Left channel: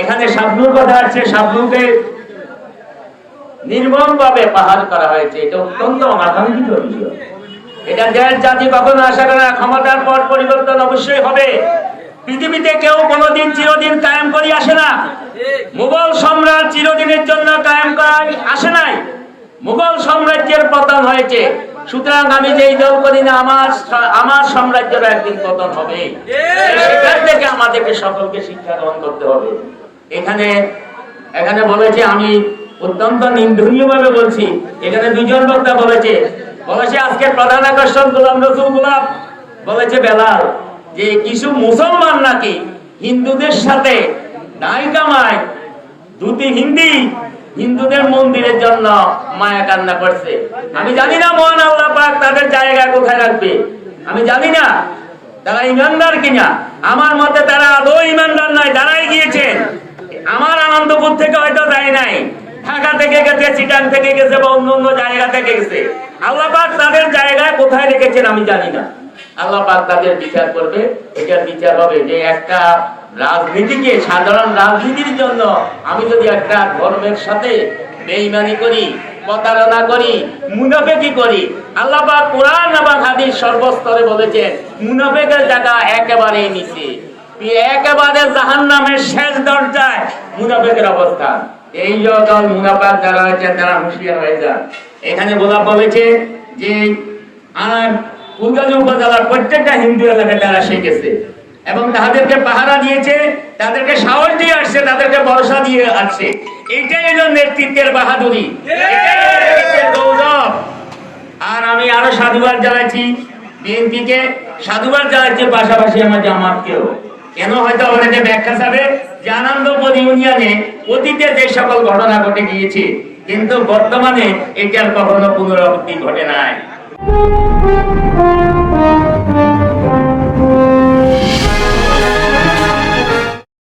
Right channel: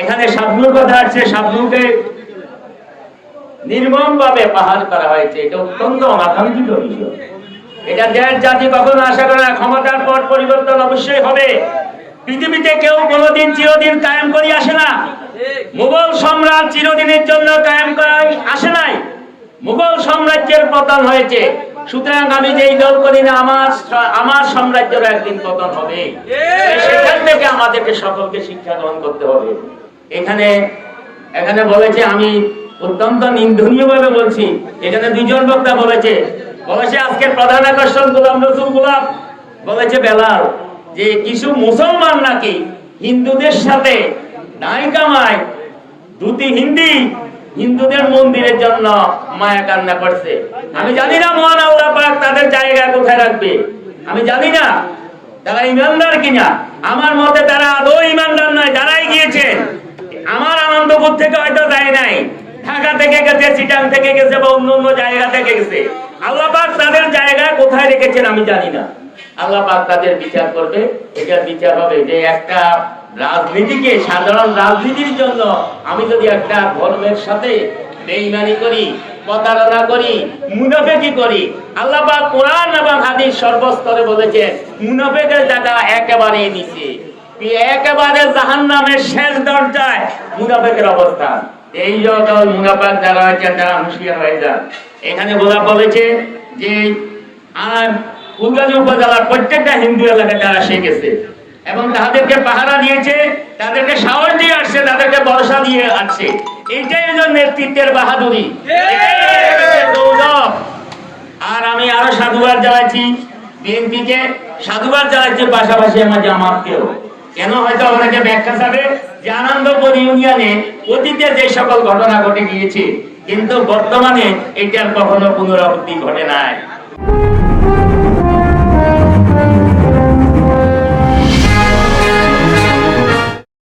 এখানে শাবনুর কথা আছে, শাবনুকে নির্মম ভাবে পাহাড় করা হয়েছে। এটা অত্যন্ত অনাকাঙ্ক্ষিত এটা দেশ, জাতি কখনো আশা করে ক্ষমতার পর পরিবর্তন অবশ্যই হবে। পৃথিবীতে কেউ কোনোদিন চিরদিন কায়েম করি আসে না। মুঘল সম্রাট চিরদিনের জন্য কায়েম করাই আসে নাই। মুঘল সাম্রাজ্যের পতন হয়েছে। সুতরাং আমি যেই দল করি না আমার আমার সাম্রাজ্যের একদিন পতন হবে। সেখান থেকে আমাদেরকে সকলকে শিক্ষা গ্রহণ করতে হবে। এখানে এখানে বলেছে আমি অত্যন্ত নিন্দনীয় ভাবে বলছি এখানে দুজন বক্তা বলেছে বলেছে আজকের প্রধান আকর্ষণ গোলাম রসুল গোলাপ। বলেছে বেলাল যে কিছু মুসলমান নাকি হিন্দুদের সাথে নাই কামায় দুটি হিন্দি হিন্দুদের মন্দিরের জন্য মায়া কান্না করছে। আমি জানি না মহান আল্লাহ পাক তাদের জায়গা কোথায় রাখবে। আমি জানি না তারা ইমানদার কিনা। আমার মতে তারা আদৌ ইমানদার নয়, যারাই গিয়েছে। আমার আনন্দপুর থেকে হয়তো যায় নাই। ঢাকা থেকে গেছে, চিটাং থেকে গেছে বা অন্য অন্য জায়গা থেকে গেছে। আল্লাহ পাক তাদের জায়গায় কোথায় রেখেছেন আমি জানি না। আল্লাহ পাক তাদের বিচার করবে। এটার বিচার হবে যে একটা রাজনীতিকে সাধারণ রাজনীতির জন্য আমি যদি একটা ধর্মের সাথে বেইমানি করি, প্রতারণা করি, মুনাফেকি করি, আল্লাহ পাক কোরআন এবং হাদিস সর্বস্তরে বলেছেন, মুনাফেকের জায়গা একেবারে নিচে। একেবারে জাহান নামের শেষ দরজায় মুনাফেকের অবস্থান। এই দল মুনাফাক যারা হয়েছেন তারা হুঁশিয়ার হয়ে যান, এখানে গোলাপ বলেছে যে ফুলগাজী উপজেলার প্রত্যেকটা হিন্দু এলাকায় তারা শিখেছে। এবং তাদেরকে পাহারা দিয়েছে, তাদেরকে সাহস দিয়ে আসছে, তাদেরকে ভরসা দিয়ে আসছে। এইটাই হলো নেতৃত্বের বাহাদুরি। গৌরব। আর আমি আরও সাধুবাদ জানাচ্ছি বিএনপিকে। সাধুবাদ জানাচ্ছি পাশাপাশি আমার জামাতকেও। কেন হয়তো অনেকে ব্যাখ্যা চাবে যে আনন্দপুর ইউনিয়নে অতীতে যে সকল ঘটনা ঘটে গিয়েছে, কিন্তু বর্তমানে এটার কখনো পুনরাবৃত্তি ঘটে নাই।